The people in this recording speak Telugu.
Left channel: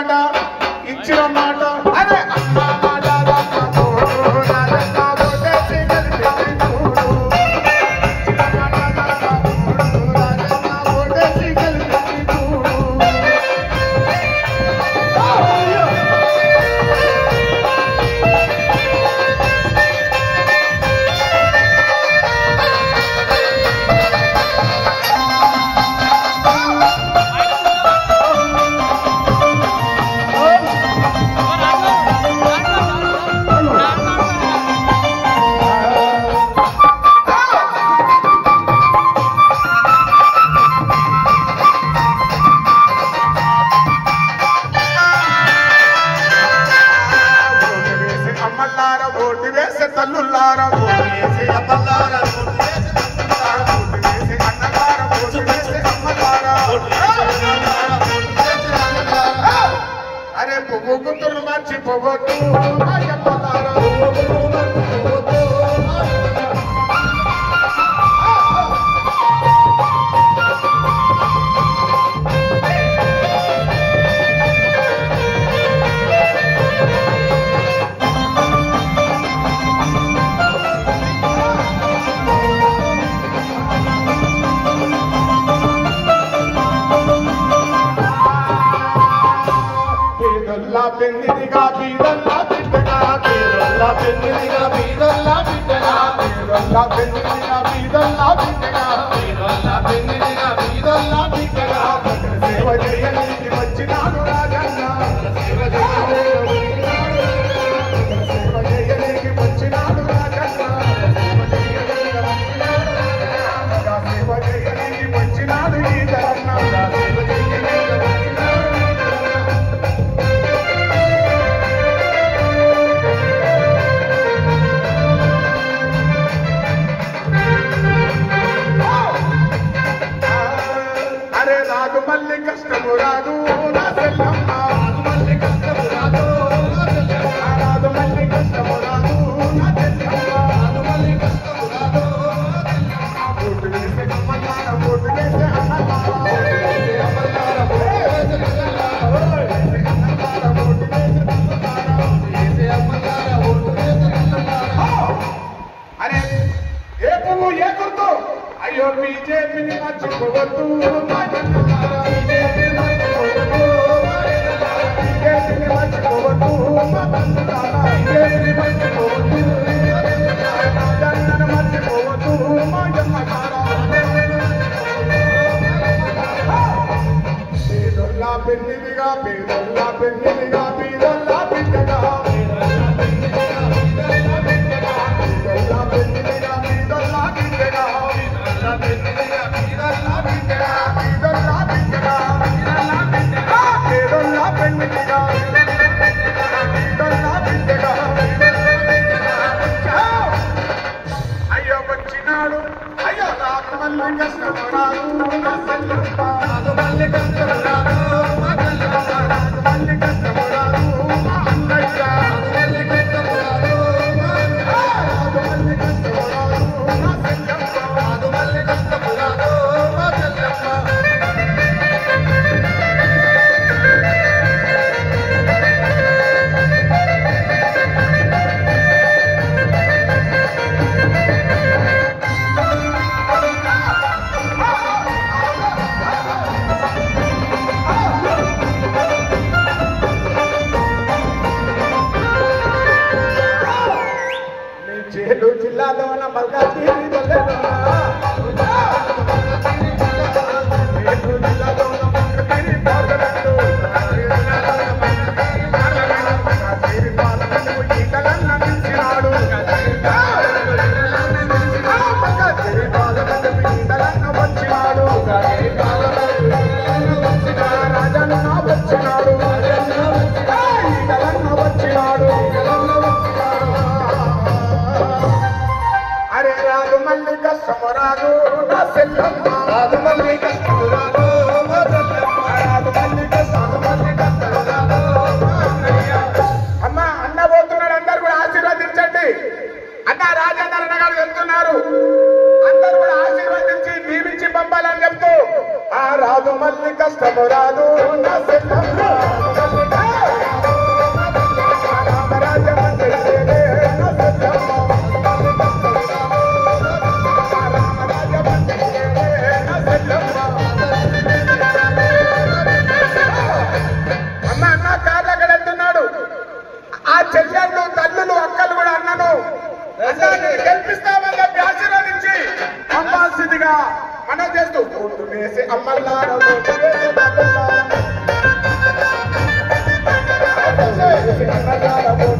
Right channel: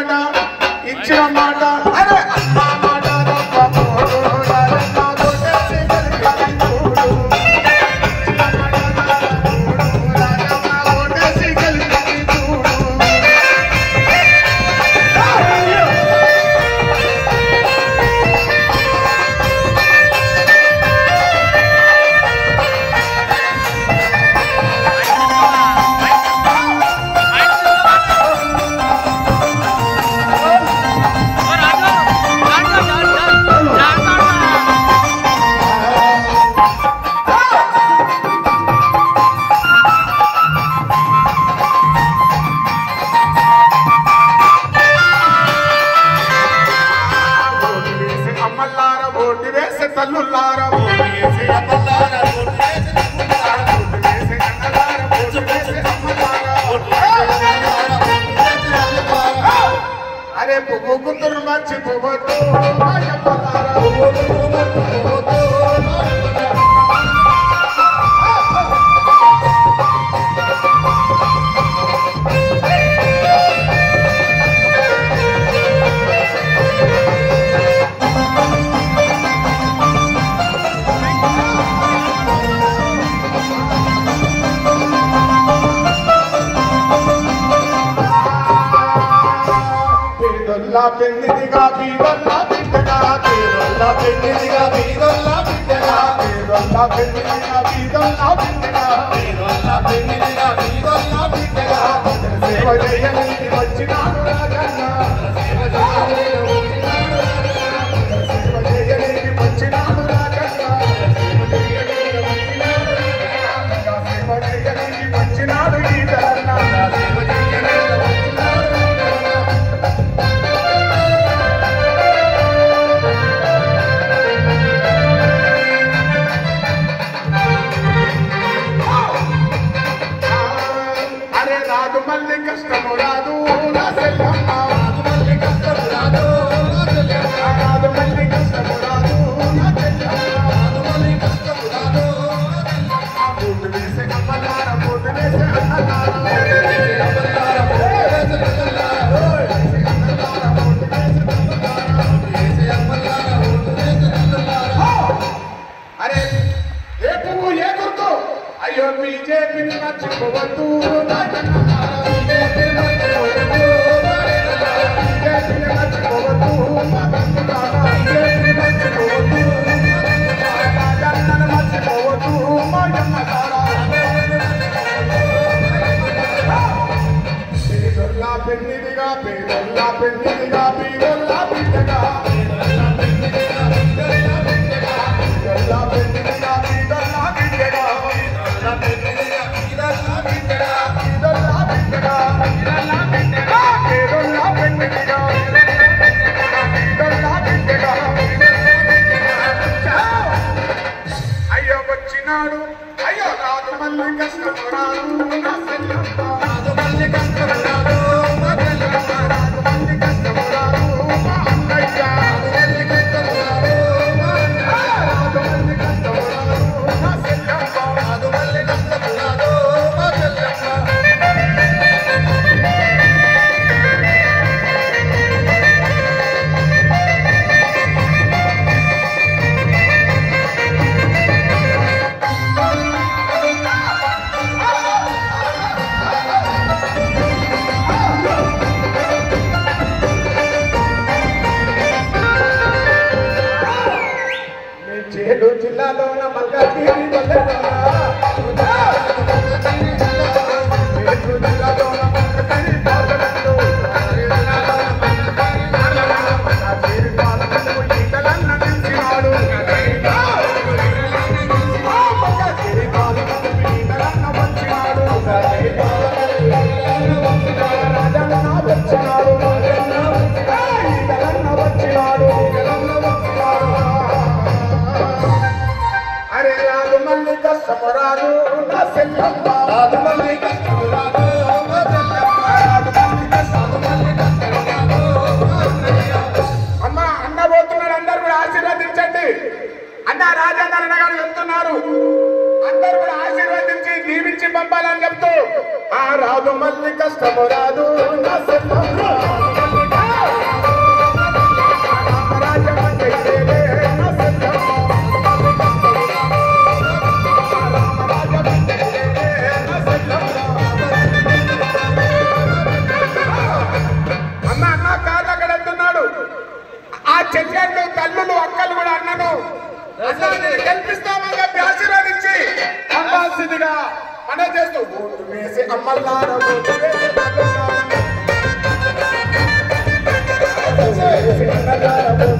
మాట ఇచ్చిన మాట అరే అమ్మ మాట అరే పువ్వుకుంటున్న మంచి పువ్వుతూ పెన్నిదిగా బీదల్లా బిడ్డగా బీదల్లా పెన్నిదిగా బీదల్లా బిడ్డగా బీదల్లా పెన్నిదిగా బీదల్లా బిడ్డగా బీదల్లా పెన్నిదిగా బీదల్లా బిడ్డగా సేవ చేయడానికి వచ్చినాడు రాజన్న సేవ చేయడానికి వచ్చినాడు రాజన్న సేవ చేయడానికి వచ్చినాడు ఈ తెలంగాణ సేవ చేయడానికి కష్టము రాదు నా సెల్లమ్మ రాజమల్లి కష్టము రాదు నా సెల్లమ్మ రాజమల్లి కష్టము రాదు నా సెల్లమ్మ రాజమల్లి కష్టము రాదు నా సెల్లమ్మ పోటు వేసే కమ్మలార పోటు వేసే అన్నలార అరే ఏ పువ్వు ఏ గుర్తు అయ్యో బీజేపీని మర్చిపోవద్దు పెన్నిదిగా పేదల్లా పెన్నిదిగా బీదల్లా బిడ్డగా బీదల్లా పెన్నిదిగా బీదల్లా బిడ్డగా బీదల్లా పెన్నిదిగా బీదల్లా బిడ్డగా బీదల్లా బిడ్డగా బీదల్లా బిడ్డగా పేదల్లా పెన్నిదిగా బీదల్లా బిడ్డగా అయ్యో వచ్చినాడు అయ్యో రాజమల్లి కష్టపడాడు నా సెల్లమ్మ రాజమల్లి కష్టపడాడు జిల్లాలోన మల్కాజ్గిరి రాజు మల్లి కష్టము రాదు చెల్లెళ్ళు తల్లులు అక్కలు కూడా అన్నను గెలిపిస్తామని చెప్పి ఆశీర్వదించి పంపాల్సిందిగా మనం చేస్తూ ఓటు వేసి అమ్మలారా ఓటు వేసి అన్నలారా